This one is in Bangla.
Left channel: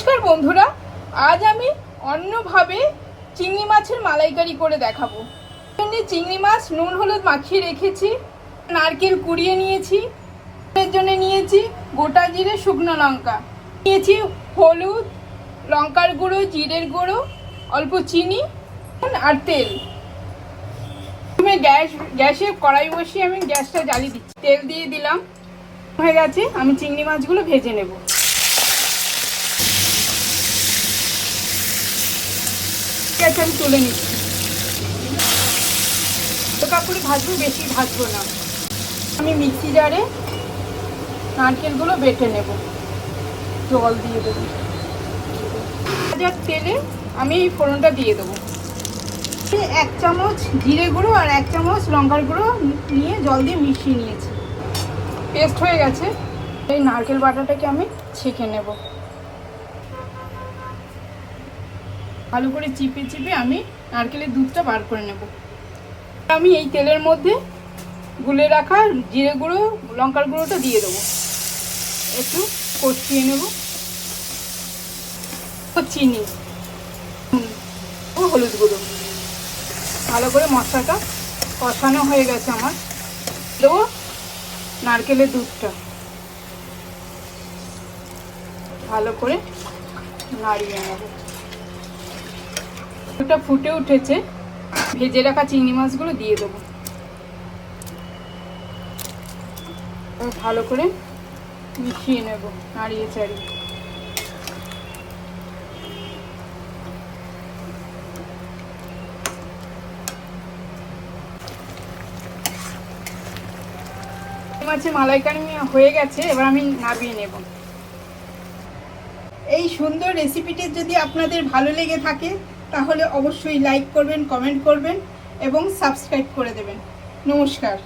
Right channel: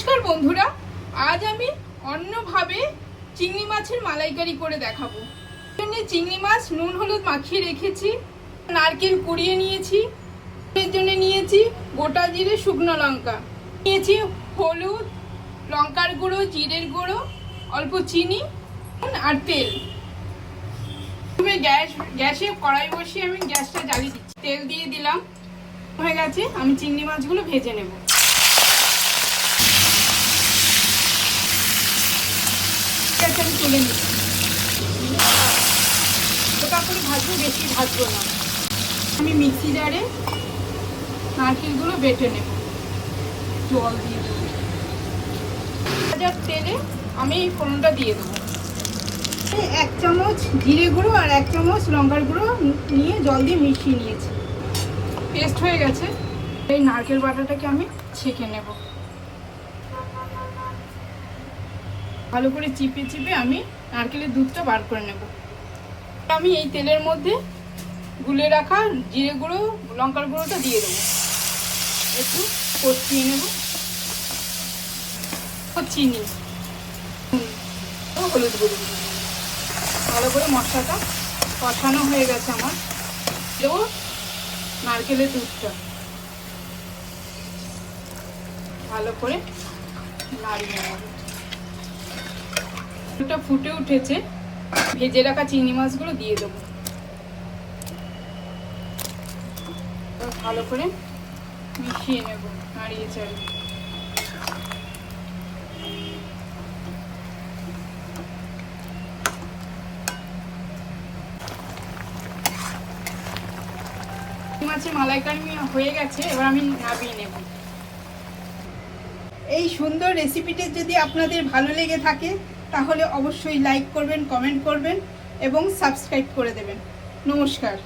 নমস্কার বন্ধুরা, আজ আমি অন্যভাবে চিংড়ি মাছের মালাইকারি করে দেখাবো। চিংড়ি মাছ নুন হলুদ মাখিয়ে রেখেছি, নারকেল কুড়িয়ে নিয়েছি, এর জন্য নিয়েছি গোটা জিরে শুকনো লঙ্কা, নিয়েছি হলুদ লঙ্কার গুঁড়ো জিরের গুঁড়ো অল্প চিনি আর তেল। গ্যাসে কড়াই বসিয়ে আমি গ্যাসটা জ্বালিয়ে দিচ্ছি, তেল দিয়ে দিলাম, হয়ে গেছে। আমি চিংড়ি মাছগুলো ভেজে নেব। তুলে নিচ্ছি, কাপড়ে ভাজবো, বেশি ভাজবো না। আমি মিক্সি জারে নারকেলগুলো বেটে নেব, জল দিয়ে দেবো। ভাজার তেলে আমি ফোড়নটা দিয়ে দেবো। 1 চামচ জিরে গুঁড়ো আর 1 চামচ লঙ্কার গুঁড়ো নিয়ে জল দিয়ে মিশিয়ে নিয়েছি, পেস্ট হয়ে গেছে। এই নারকেল বাটাটাকে আমি ছেঁকে নেব, ভালো করে চিপে চিপে আমি নারকেলের দুধটা বার করে নেব। আমি এই তেলের মধ্যে গুলে রাখা জিরে গুঁড়ো লঙ্কার গুঁড়োটা দিয়ে দেবো, একটু কষিয়ে নেব। চিনি হলুদ গুঁড়ো, ভালো করে মশলাটা কষানো হয়ে গেছে আমার। দেবো নারকেলের দুধটা, ভালো করে নাড়িয়ে নেব। দুধটা ফুটে উঠেছে, ভেজে রাখা চিংড়ি মাছগুলো দিয়ে দেবো, ভালো করে মিশিয়ে নেব, নাড়িয়ে চাড়িয়ে। মাছের মালাইকারি হয়ে গেছে, এবার আমি নামিয়ে নেব। এই সুন্দর রেসিপিটি যদি আপনাদের ভালো লেগে থাকে তাহলে অবশ্যই লাইক করবেন, কমেন্ট করবেন এবং সাবস্ক্রাইব করে দেবেন। নমস্কার।